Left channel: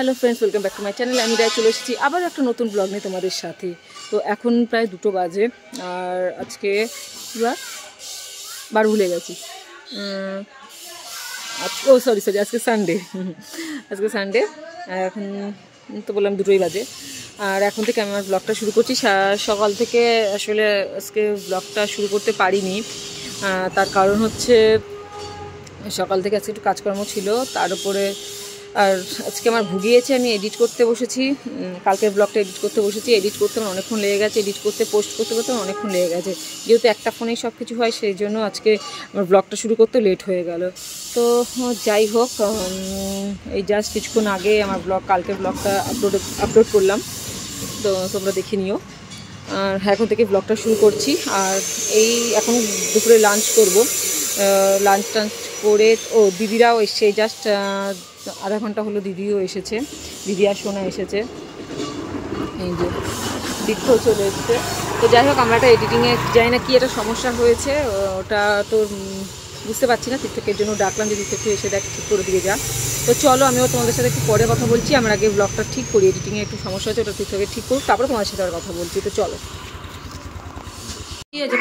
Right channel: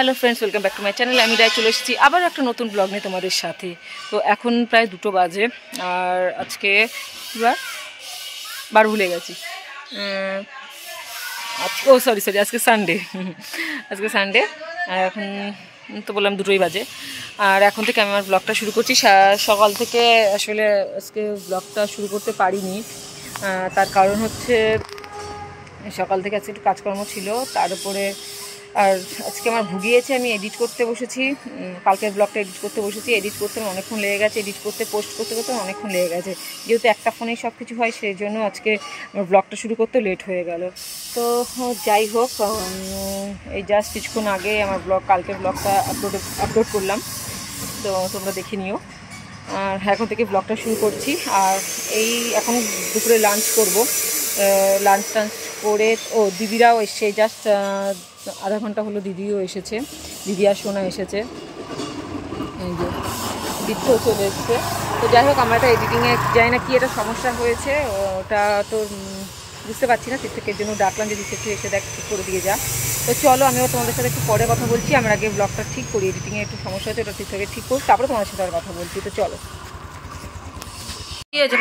Hello friends, welcome back to my channel. আমি রায় চলে এসেছি আবার একটা নতুন ব্লগ নিয়ে তোমাদের সাথে। তো এখন প্রায় 2টো বাজে আর আজকে বার ভুলে গেছি। সরি আজকে সানডে। আজকে সানডে আর এখন তো বললাম 2টোই বাজে। আর এখন থেকে আমি আমার ব্লগটা শুরু করছি। সকাল থেকে আসলে আজকে ব্লগটা শুরু করতে পারিনি। তার কারণ হচ্ছে সকাল থেকে আজকে একটু কাজকর্ম ছিল, তার উপরে আর আজকে আমার ভুগিয়েছে। আমি এডিট করতে বসেছি, কালকের ব্লগটা এডিট করতে বসেছি। এডিট করতে আমার অনেকক্ষণ লেগে গেছে, এডিট করতে পোস্ট করতে করতে অনেকক্ষণ লেগে গেছে। যেহেতু একটা ফোনেই সব কিছু হয়, সেই জন্য আজকে আমার ব্লগটা শুরু করতে লেট হয়ে গেল। তো যাই হোক, এই জাস্ট কিছুক্ষণ আগে আমার কালকের ব্লগটা আপলোড করলাম, তো তোমরা দেখে নিও। আর এখন থেকে ব্লগটা শুরু করছি। আর এই এখন দুপুরে লাঞ্চ করব। লাঞ্চ টাঞ্চ করে দিদিরাও এসছে, জাস্ট আধা ঘন্টা হলো দিদিও এসেছে, দিদি আর সোনা এসেছে। এই যে বৃদ্ধও চলে এসছে। তো যাই হোক, আমরা একটা এডিটিংয়ে যাই না কি একটা সমস্যা হয়েছে, ওটা তো বুঝতে পারছি না। তীর্থকের জন্য ডাকলাম যে তীর্থকে এসে দেখ ঠিক করে দিয়ে যা। তো চলো, আমিও তোমাদের সাথে একটু পরে কথা বলছি। আমার আগে ব্লগটা ঠিক করি, এডিটিংয়ে একটু সমস্যা হয়েছে, ওটা তীর্থকে ঠিক করুক, তারপরে তোমাদের সাথে আর কথা বলছি। তো চলো। কি হয়েছে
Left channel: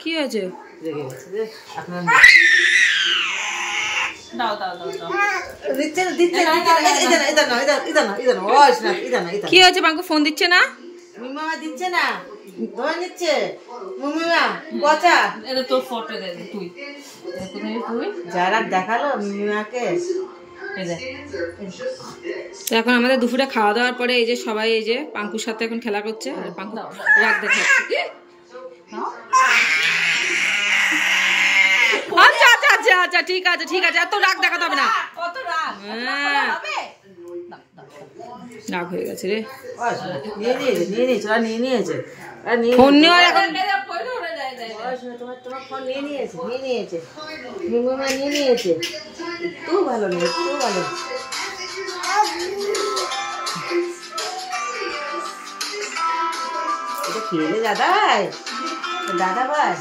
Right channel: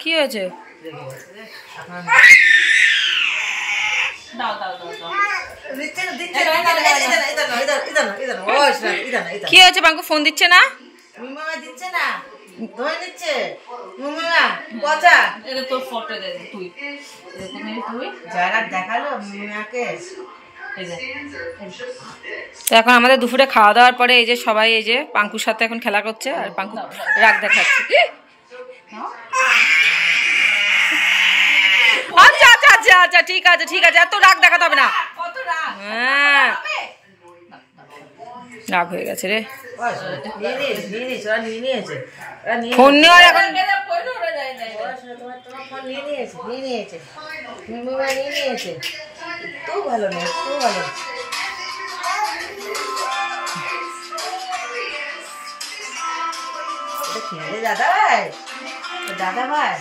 কি হয়েছে? কি হয়েছে? বাঙ্কু ফোন দিচ্ছে না, দিচ্ছে না, ধরে নিচ্ছে। মুমিমা পচা, এটা তোর ফটো দে, তুই যারা দেখালো মুমিমাকে। তো এখন আমাদের দুপুরে খাওয়া দাওয়ার পরে এই যে সবাই এই যে পাঙ্কুর সাথে এখন খেলা করছে, আর পাঙ্কু রাগ দেখাচ্ছে। আচ্ছা আচ্ছা আচ্ছা আচ্ছা, ঠিক আছে ঠিক আছে, এত রাগ দেখাতে হবে না। হ্যাঁ, রাগ হয়ে গেছে রে। ফোন নেওয়ার এখন তোমার ফোন নিয়ে নিয়েছে মুমিমা নিয়ে নিয়েছে। একটু ভালো না, একটু ভালো। এটা খেলে দাদা ভাই, দাদা ভাই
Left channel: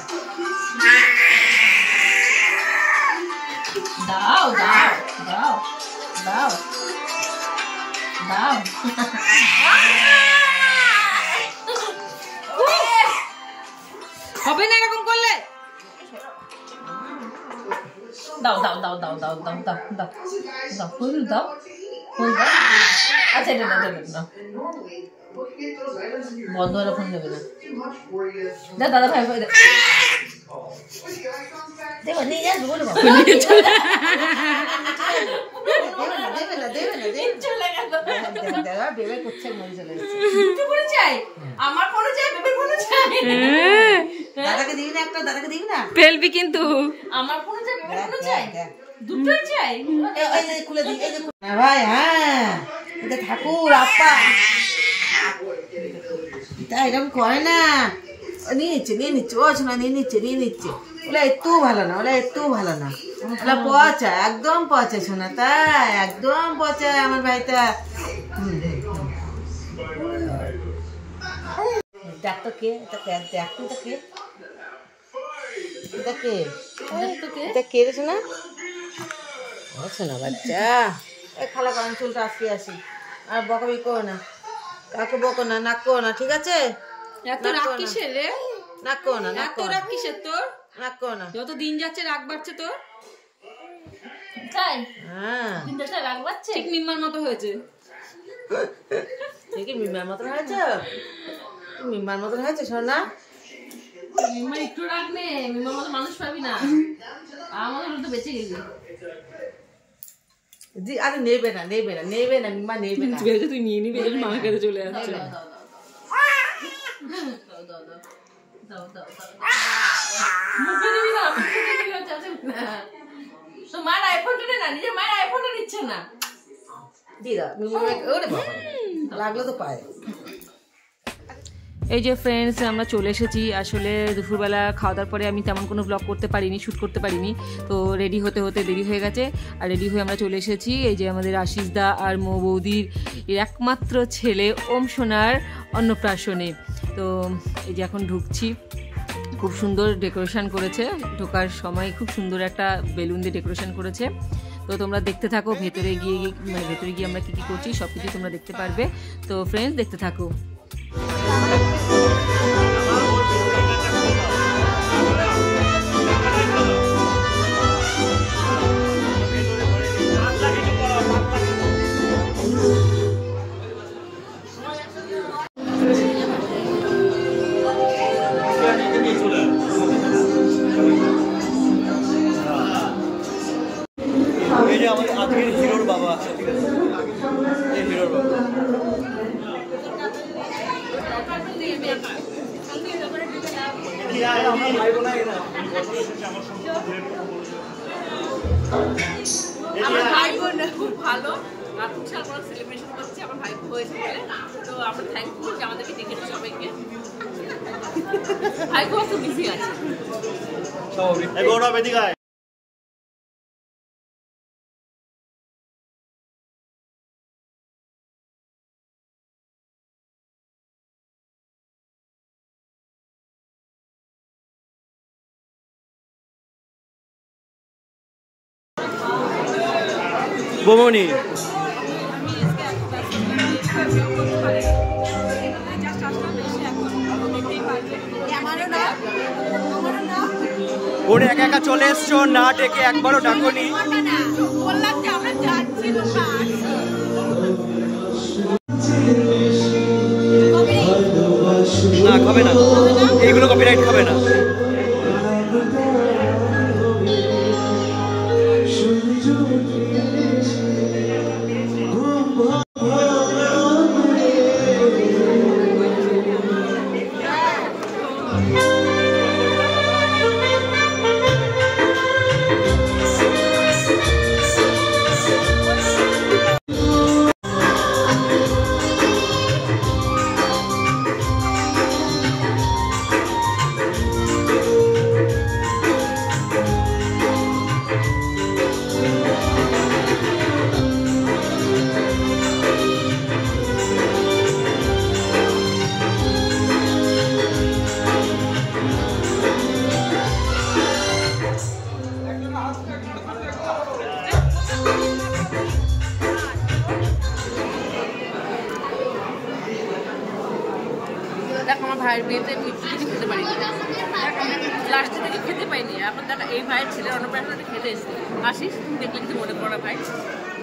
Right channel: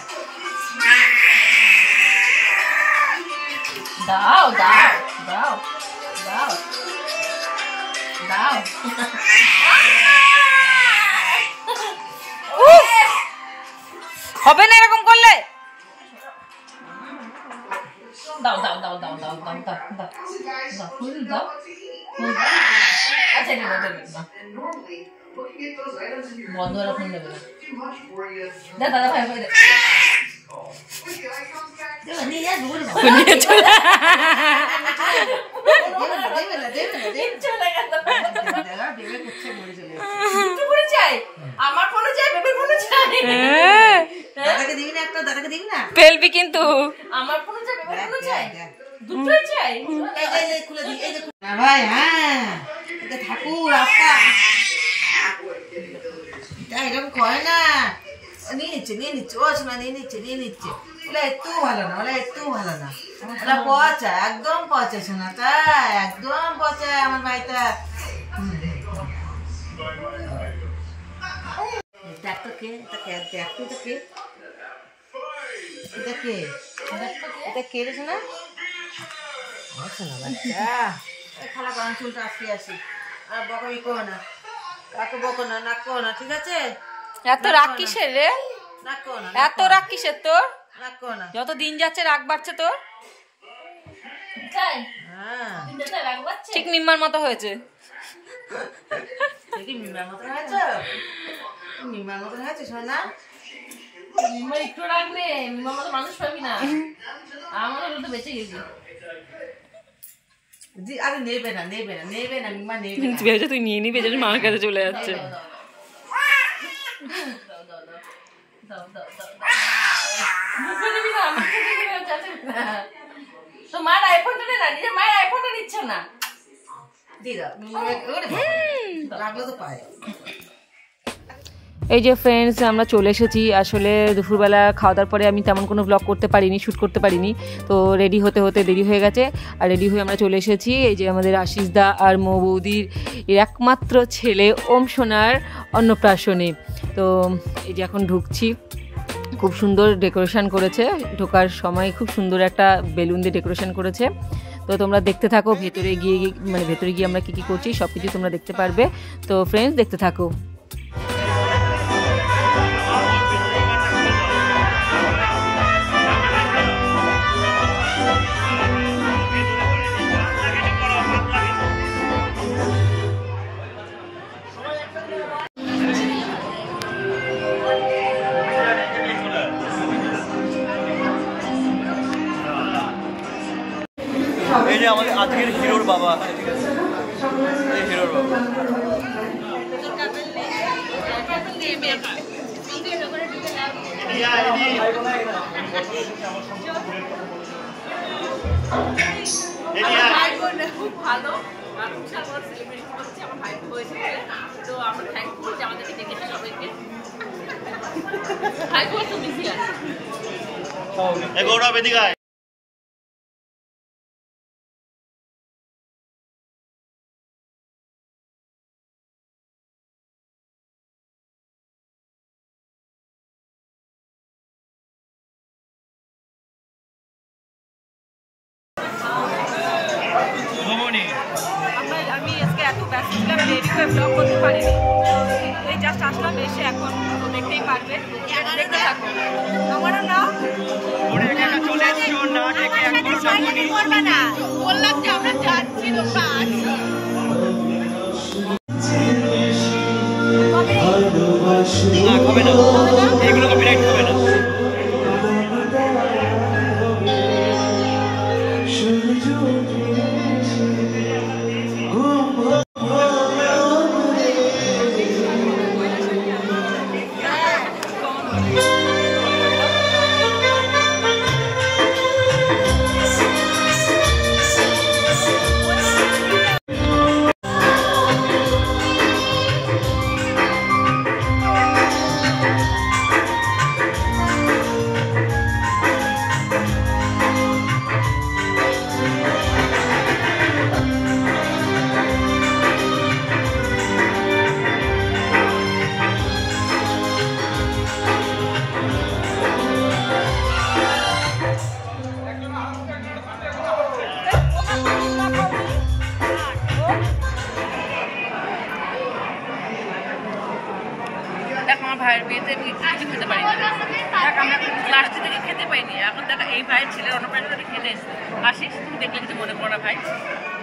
দাও দাও দাও দাও দাও। হবে না এরকম করলে। দাও দাও দাও দাও দাও দাও দাও দাও দাও ফুল দাও, ফুল দাও। আচ্ছা এটা দেবে না, বন্ধ হলে ফোন দেবে না। দাদা ভাই ভাই আমার ফোনে চাই, বেবির ফোনে চাই। দাদাকে দিবি না একটা? দাদাকে দিবি না? পেলবি কিন্তু। আমার ফোনে চাই, বেবির ফোনে চাই, দুটোই চাই। এই খুলে দি, এই দেখো না ভাই। হ্যাঁ, এটা ঠাকুর আপা, এটা এরকম করে না। নিয়ে নিচ্ছে ও শোনা, নিয়ে নিচ্ছে। ওলা একটু ভালো না, ওলা একটু ভালো না, ওলা পচা, একদম পচা শোনা। তাই একদম পচা আমার ভাইটা। দেখ তো কে, এটা কে? দেখ তো কে, এটা কে? এটা কে রে শোনা? ও শোনা বাচ্চা, এই খালা কারণ চুলটা আসতে আসি। আর বকাবি করো না, কাকে বকো না, নাক করো না, ঠিক আছে? এত রাগ কিসের রে? নাক করো না, এত রাগ কিসের তোর? নাক করো না। যত দিন যাচ্ছে রাগ বাড়ছে তোর। হ্যাঁ, ঠিক মিম্মার মতো হয়েছে। কি মিমার মতন হয়েছে? মিমার মতন হয়েছে শোনা। মিম্মার একটু রাগ নে, মিম্মার মতো মানুষ পাবি না। আমার তো বেঁচে গেলি। আরে নেবে না মিমা নেবে না। তুই নিয়ে নিবি, যেন মার কাছে চলে যাচ্ছে। তো মার আইফোনটা নে না, নিজের মায়ের আইফোনটা নিচ্ছে না। দিদা লাগলো তো পায়। এই যে ফ্রেন্ডস, আমরা চলে এসেছি। আসলে দুপুরবেলা খাওয়া দাওয়ার পরে আমি তেমন কোনো ব্লগ করতে পারিনি, শ্যুট করতে পারিনি। তো রেডি হতে হতে দেরি হয়ে গেছে। আর রেডি হয়ে আমরা চলে এসেছি এই যে আমাদের আশিস দা আর মৌ বৌদির একমাত্র ছেলে ওম সোনার অন্নপ্রাশনে। তো এই যে এখন ঢুকছি। খুব সুন্দর ডেকোরেশন করেছে, ঢোকার সময় খুব সুন্দর একটা বেলুন দিয়ে ডেকোরেশন করেছে। তো তোমরা দেখতে থাকো, ভেতরে গিয়ে আমরা কী কী করছি সব কিছু তোমরা দেখতে পারবে। তো ফ্রেন্ডস দেখতে থাকো। এই যে আমাদের আজকের হিরোর বাবা, ঠিক আছে, এই হিরোর বাবা। খুব ভালো সেলিব্রেশন করছে আমার ভাই হয়েছে, তো আমরা থ্যাঙ্কফুল যে আমাদেরকে ডেকেছে সবাইকে। ভাই খুব বিজি আছে। গোমনি আমি আজকে এত ব্যস্ত ছিলাম, রেডি হয়ে ব্লগ করতে পারিনি। এই জাস্ট আসলাম, এসে এখন দেখতেই পারবে। আমারও না ওরে একা একা চলে এসছো, না ডেকে একবারও ডাকোনি। বললাম যে আমরা যাচ্ছি, তোমরা না খাবে না, এইগুলো কপিরাইট খাবে না। দেখ আমার ভাইয়ের বিয়েতে কিছু খেতে পারিনি, দেখ আমরা লাস্টের দিকে খেতে পাইনি। এখন দেখ এই ভাইয়ের ছেলের অন্নপ্রাশন খেতে এসেছে। আসিস, তুমি দেখলে কিছু মনে করো না ভাই,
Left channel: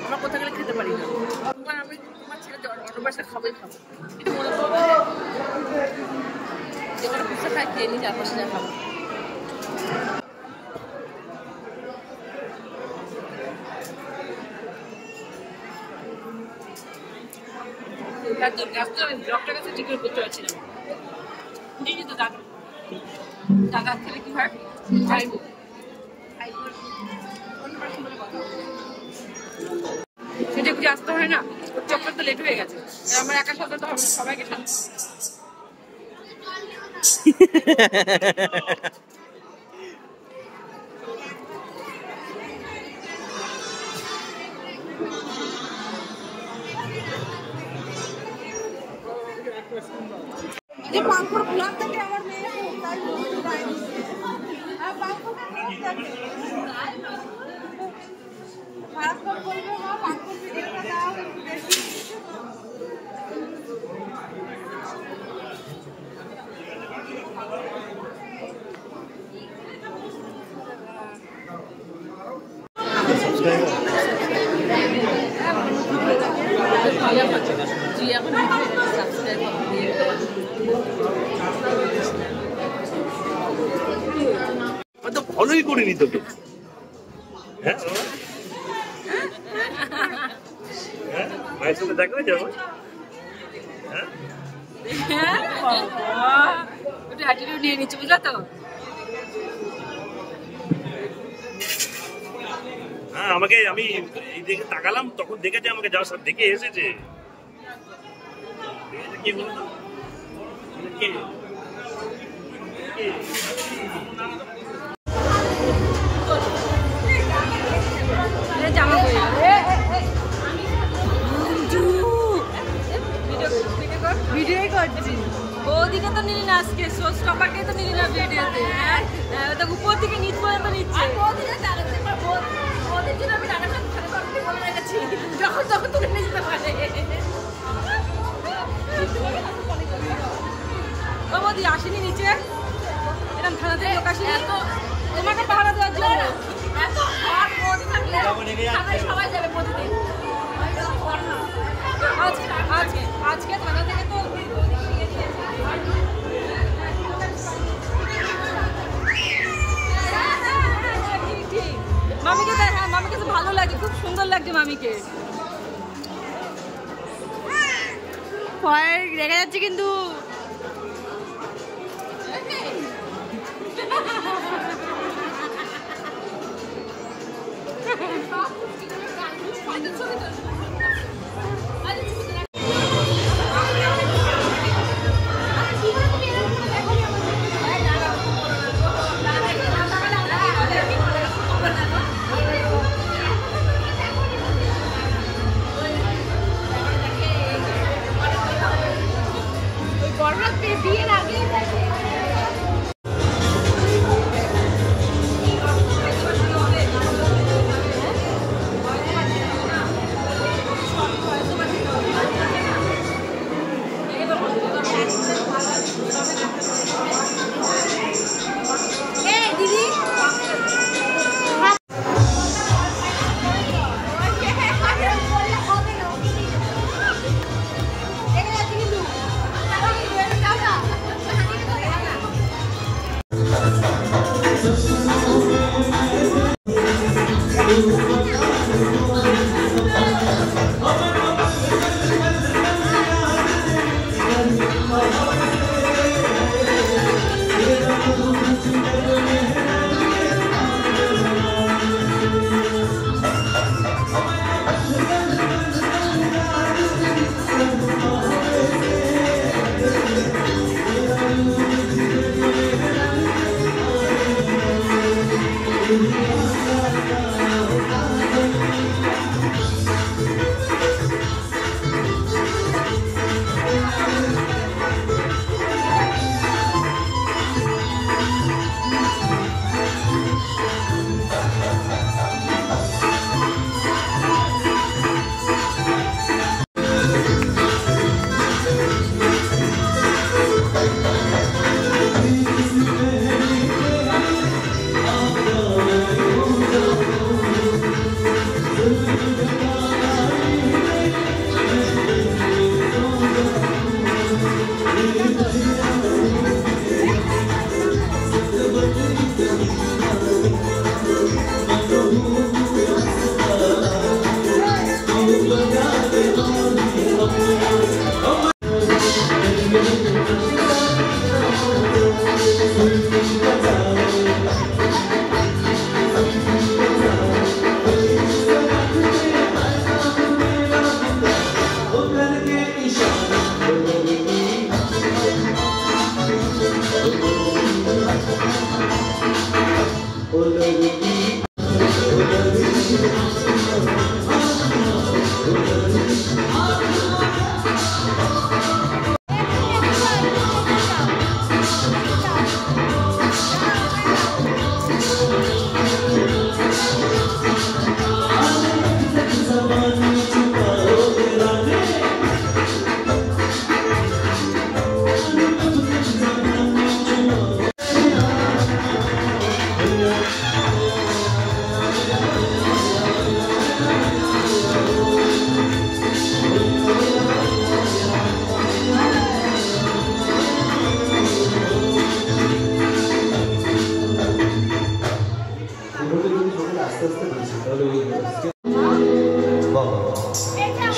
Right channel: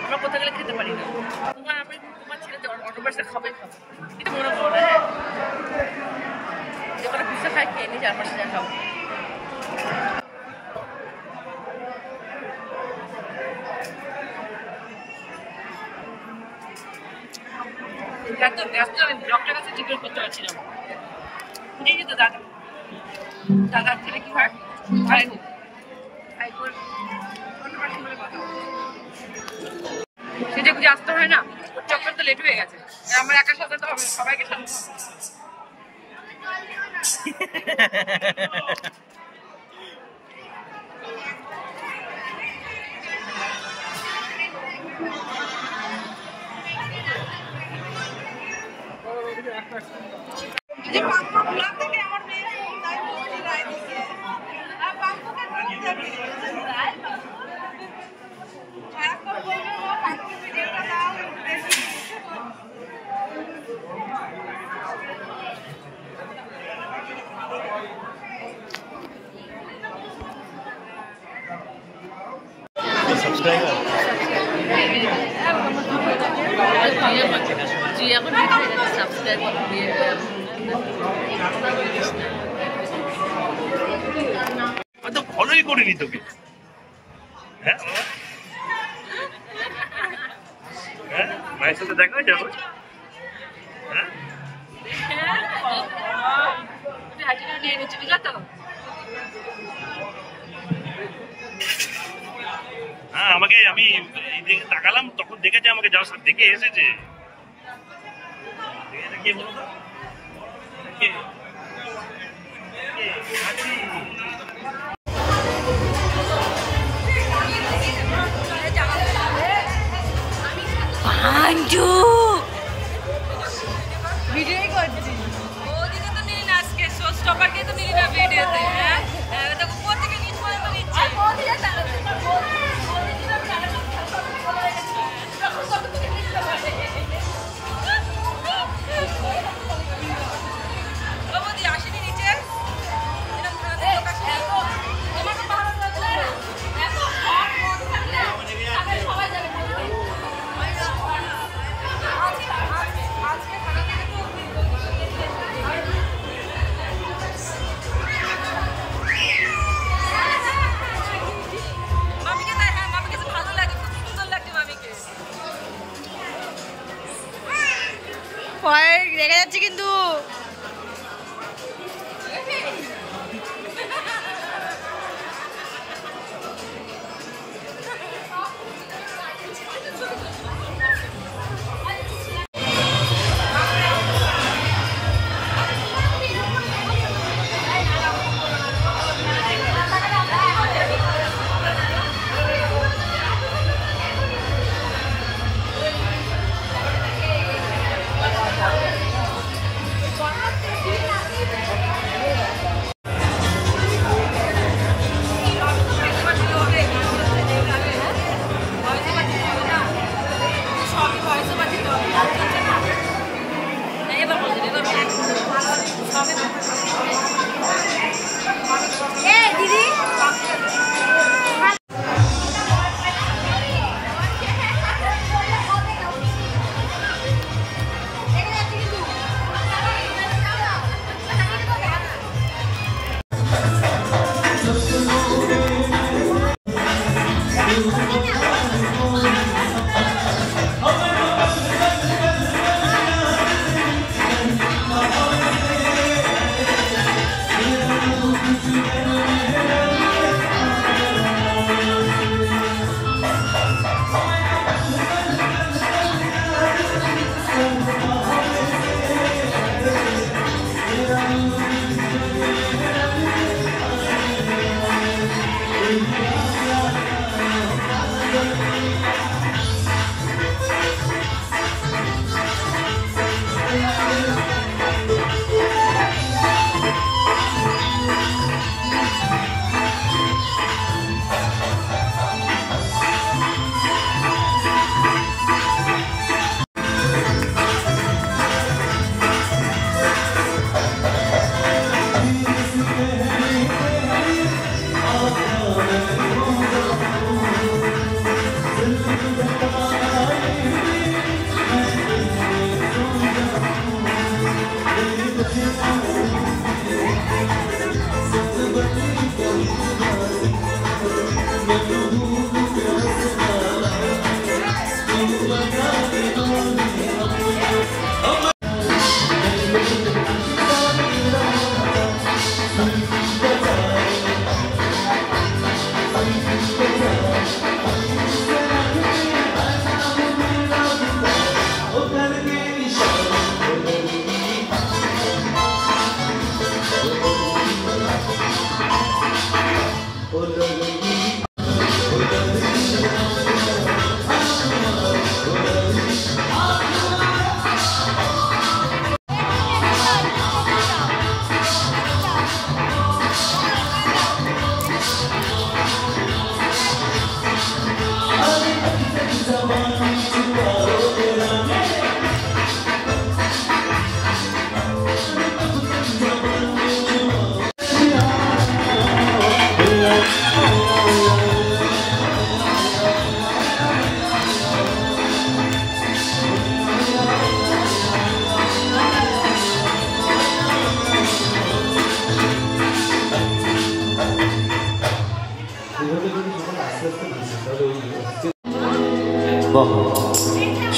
আমরা কোথাও গেলে খেতে পারি না। তোমার ছেলে অন্নপ্রাশন খাবোই খাবো, কিছু মনে করো না। হ্যাঁ, যে কটা পিঠা খাই খেয়ে নি, 4-5 যা খাবো। আমি ব্লগটার কাছে ঠিক করতে পারছিলাম। বুঝেছি তো দাদার ছেলে কি হয়, ভাইবোন অন্নপ্রাশন বলে কথা, সেটা বুঝে আসতে হয় না। ওর চক্কর তো লেট হয়ে গেছে, আমার একা সাথে তো হবে না, সবাইকে সাথে আমার মেয়ে সাবস্ক্রাইবার তো ফলোই করিনি তোকে। হ্যাঁ বাবা, হ্যাঁ মায়ের সাথে দেখা হয়ে যাবে। হ্যাঁ নিয়ে নিচ্ছে, বুঝলো তো। হ্যাঁ আমাকে, আমি এই দিকে তাকালাম তখন দেখেছে আমাকে, যার সাথে দেখে এসেছে। কে বলো তো, কে ভিডিও করছি, ওদিকে তো নিলি না আজকে, শো স্টপারকে তো নিলি না ভিডিওতে। হ্যাঁ, উপর থেকে নিচ পর্যন্ত নিচ্ছে। তখন তোকে তুলে নিতে পারে। ও বৌদি আসেনি নিচে, এরকম থানাতে লোক আসেনি, এত এখানে পাহারা দেওয়া না, এত হট রোড থাকলে সবাই যাবে প্রতিদিন। আজকে থানা থেকে তো মামিকে দেখ, হ্যাঁ মামিকে তো ভালো লাগে, খুব সুন্দর লাগছে মামিকে। ভয় রেগে যাচ্ছে কিন্তু।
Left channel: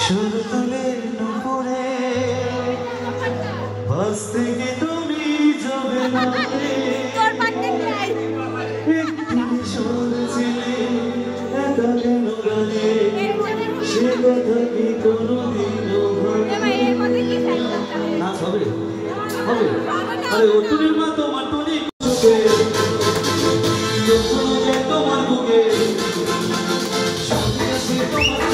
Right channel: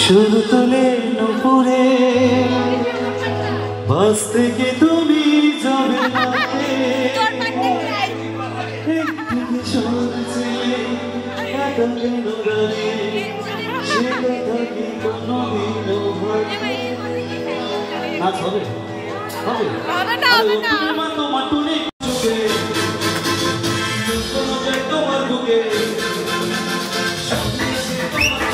শুধু তোলে নুপুরে বাস থেকে তুমি যাবে তোর পান্ডে নাই শুনছিলে একা কেন গানে সে কথা কি কোনোদিনও নাচ হবে হবে আরে ও তুমি মা তোমার টুনি চোখে যখন যায় তোমার বুকে সামনে সে তোমার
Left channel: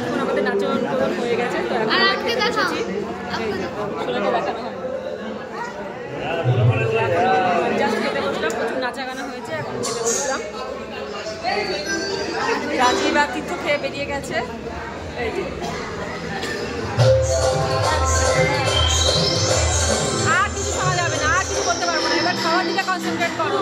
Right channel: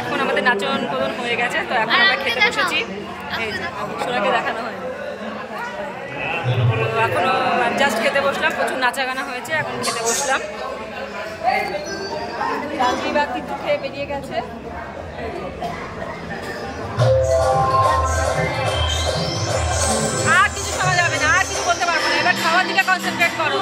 এখন আমাদের নাচন প্রদন হয়ে গেছে, তো এখন আমরা খেতে বসেছি। সোনাকে দেখানো হয়, তো এখনো জাস্ট খেতে বসলাম। প্রচুর নাচা গানা হয়েছে, এখন খেতে বসলাম। রাজীব আর তিথু খেয়ে বেরিয়ে গেছে। আর কিছু শোনা যাবে না, আর কিছু করতে পারবো না, এবার খাওয়ার দিকে কনসেন্ট্রেট করো।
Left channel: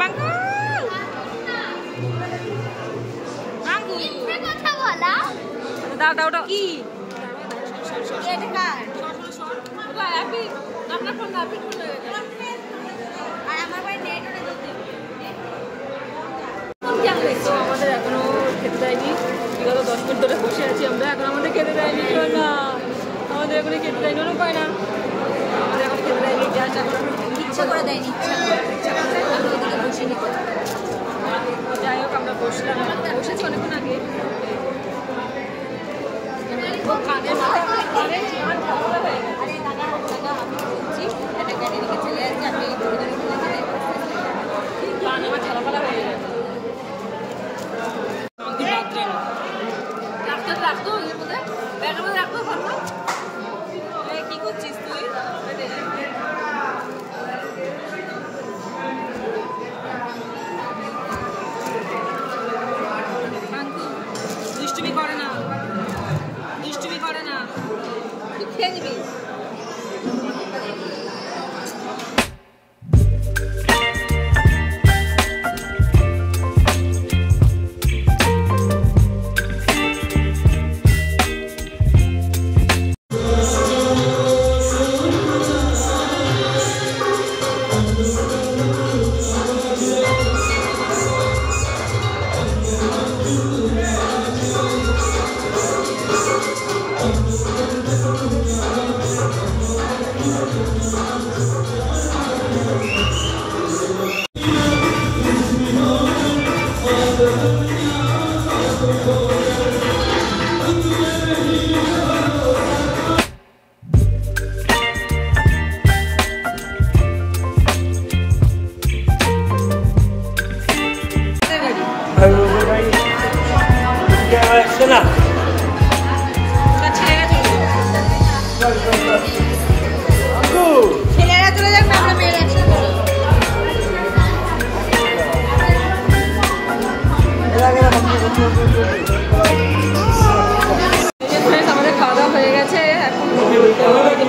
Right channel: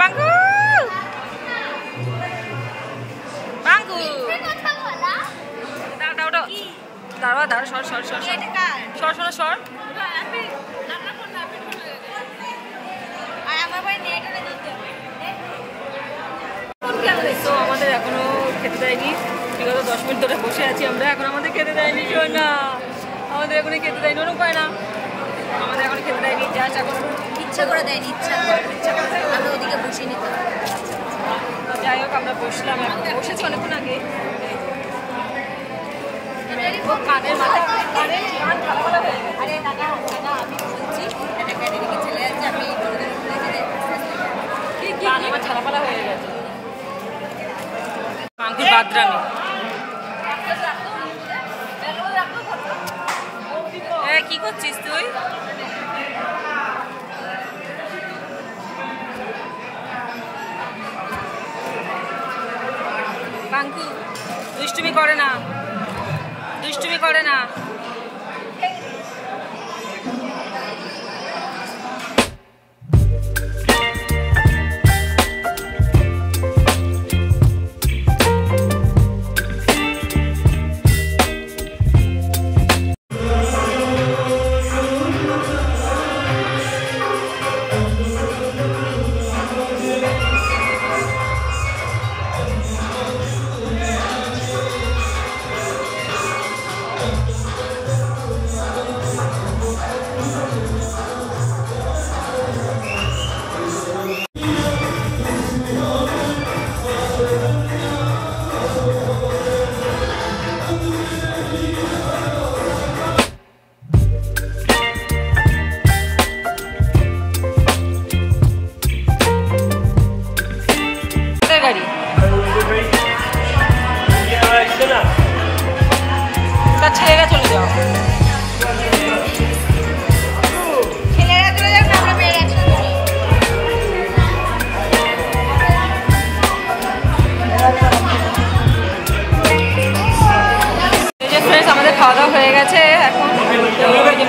বাঙ্গু বাঙ্গু দাও দাও দাও দাঁড়া দাঁড়া সর সর সর সর সর সর সর তো আমাদের এখনো খেতে দেয়নি, বিগত 10 মিনিট ধরে বসে আছি আমরা, এখন আমাদের খেতে দেয়নি না, আমাদের এখনই খেতে দেয়নি, ওরকম পায় না, আমাদের এখন খেতে দেয়নি, জাস্ট এখন ইচ্ছা করে দেয়নি, ইচ্ছা করে আমরা ওদিকে বসে নি। তো যাই হোক আমরা বসলাম, বসেছি অনেকক্ষণ আগে। কানের মাথা কানে কান ভালো হয়ে গেছে। আরে দাদা দাদা আমি বলছি একটা ক্যাটারিকে চলে যাচ্ছে, আমি ধরে ধরে খুলে গেলে কান আমার ঝালাপালা হয়ে গেছে। মাঙ্কুর বাদরামি হ্যাঁ, কি করছিস তুই? পাঙ্কু দুষ্টুমি করে না, দুষ্টুমি করে না।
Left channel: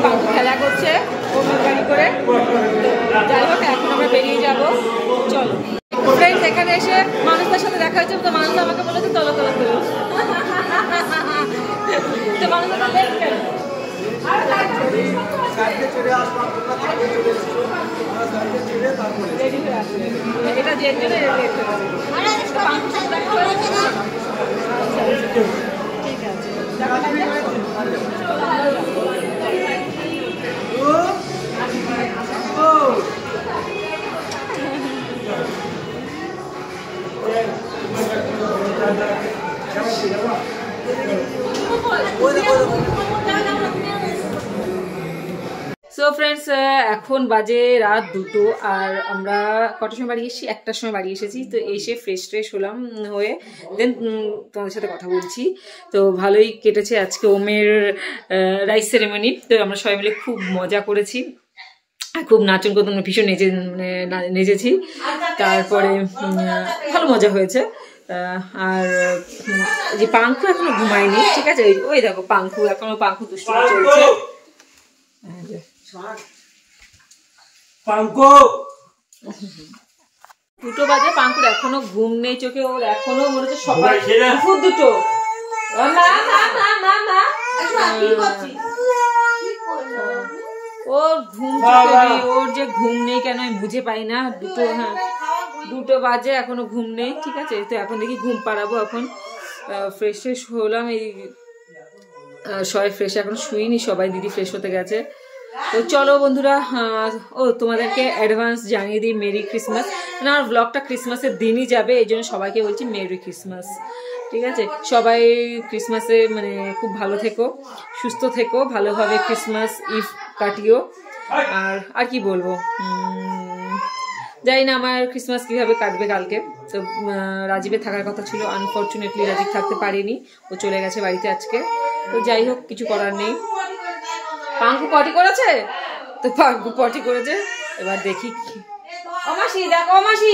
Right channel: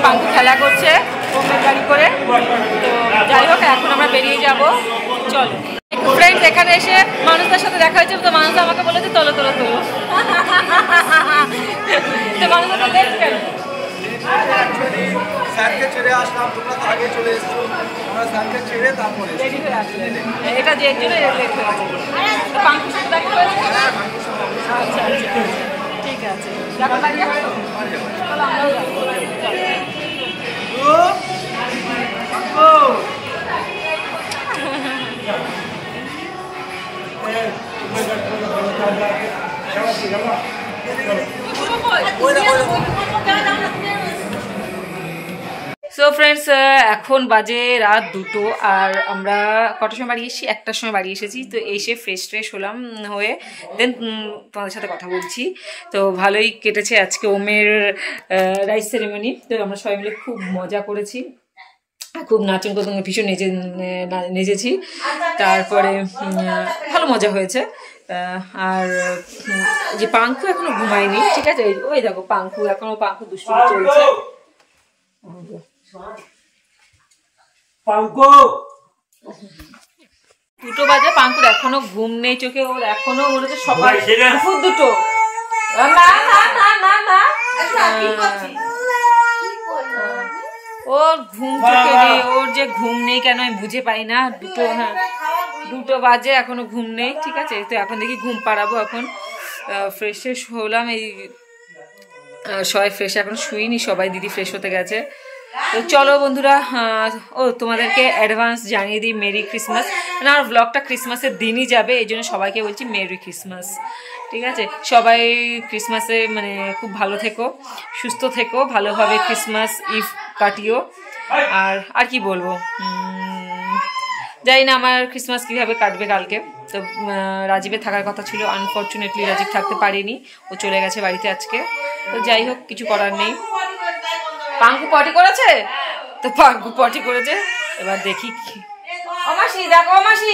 পাঙ্কু খেলা করছে ওমের গাড়ি করে। তো যাই হোক এখন আমরা বেরিয়ে যাব, চলো। ফ্রেন্ডস এখানে এসে মানুষদের সাথে দেখা হয়েছে, তো মানুষ আমাকে বলেছে তোলো তোলো তোলো। তো মানুষ তো লেট কেন? এটা যে জন্য লেট হয়েছে। তো পাঙ্কুর সাথে দেখা হয়েছে। আচ্ছা আচ্ছা ঠিক আছে, এখন বাড়ি যাবো, চলো আমরাও যাবো। সো ফ্রেন্ডস এখন বাজে রাত 2টো, আর আমরা কটার সময় বাড়ি এসেছি? 1টার সময় বাড়ি এসেছি। তো এসে ফ্রেশ হলাম, হয়ে দেন তোমাদের সাথে কথা বলছি। তো ভালোই কেটেছে আজকে ওমের রাইস সেরেমনি। তো আমরা সবাই মিলে খুব মজা করেছি, খুব নাচন করতাম, ভীষণ নেচেছি। তারপরে ভালো মজা হয়েছে। আর যে পাঙ্কু এখনো ঘুমায়নি, ঠিক আছে? ওই দেখো পাঙ্কু দুষ্টুমি চলছে। 2টো বাজে, পাঙ্কুর এখনো ঘুম নেই চোখে, ওর এখনো মনে হচ্ছে সকাল দুপুর 2টো। ওর ঘুম চোখে নেই, ওর যে ঘুম নেই কেন আমি বুঝে পাই না। 2টো বাজে এখনো ঘুম নেই, ঠিক আছে? তো এখন দেখি ঘুম পাড়াবো। এখন ফ্রেশ হলাম, এই সবাই ফ্রেশ, এখন শুইনি সবাই, দিদি ফ্রেশ হতে গেছে। তো চলো বন্ধুরা, ও তোমাদেরকে অ্যাডভান্স জানিয়ে দিই মেরি ক্রিসমাস। মানে আমার ব্লগটা ক্রিসমাসের দিনই যাবে, এই জন্য সবাইকে বলছি মেরি ক্রিসমাস, ঠিক আছে? সবাই ক্রিসমাসে মানে খুব ভালো থেকো, সুস্থ থেকো, ভালোভাবে ক্রিসমাস ইভ কাটিও। আর কি বলবো, জানি না আমার ক্রিসমাস কীভাবে কাটবে কালকে। তো রাজীবের থাকার কথা ছিল, আনফর্চুনেটলি রাজীব থাকতে পারেনি, ও চলে গেছে বাড়িতে আজকে। তো যাই হোক, কিছু করার নেই। পাঙ্কু পটি করেছে, তো পাঙ্কু পটি করেছে, এবার দেখি। ও মাসি দেখো, ও মাসি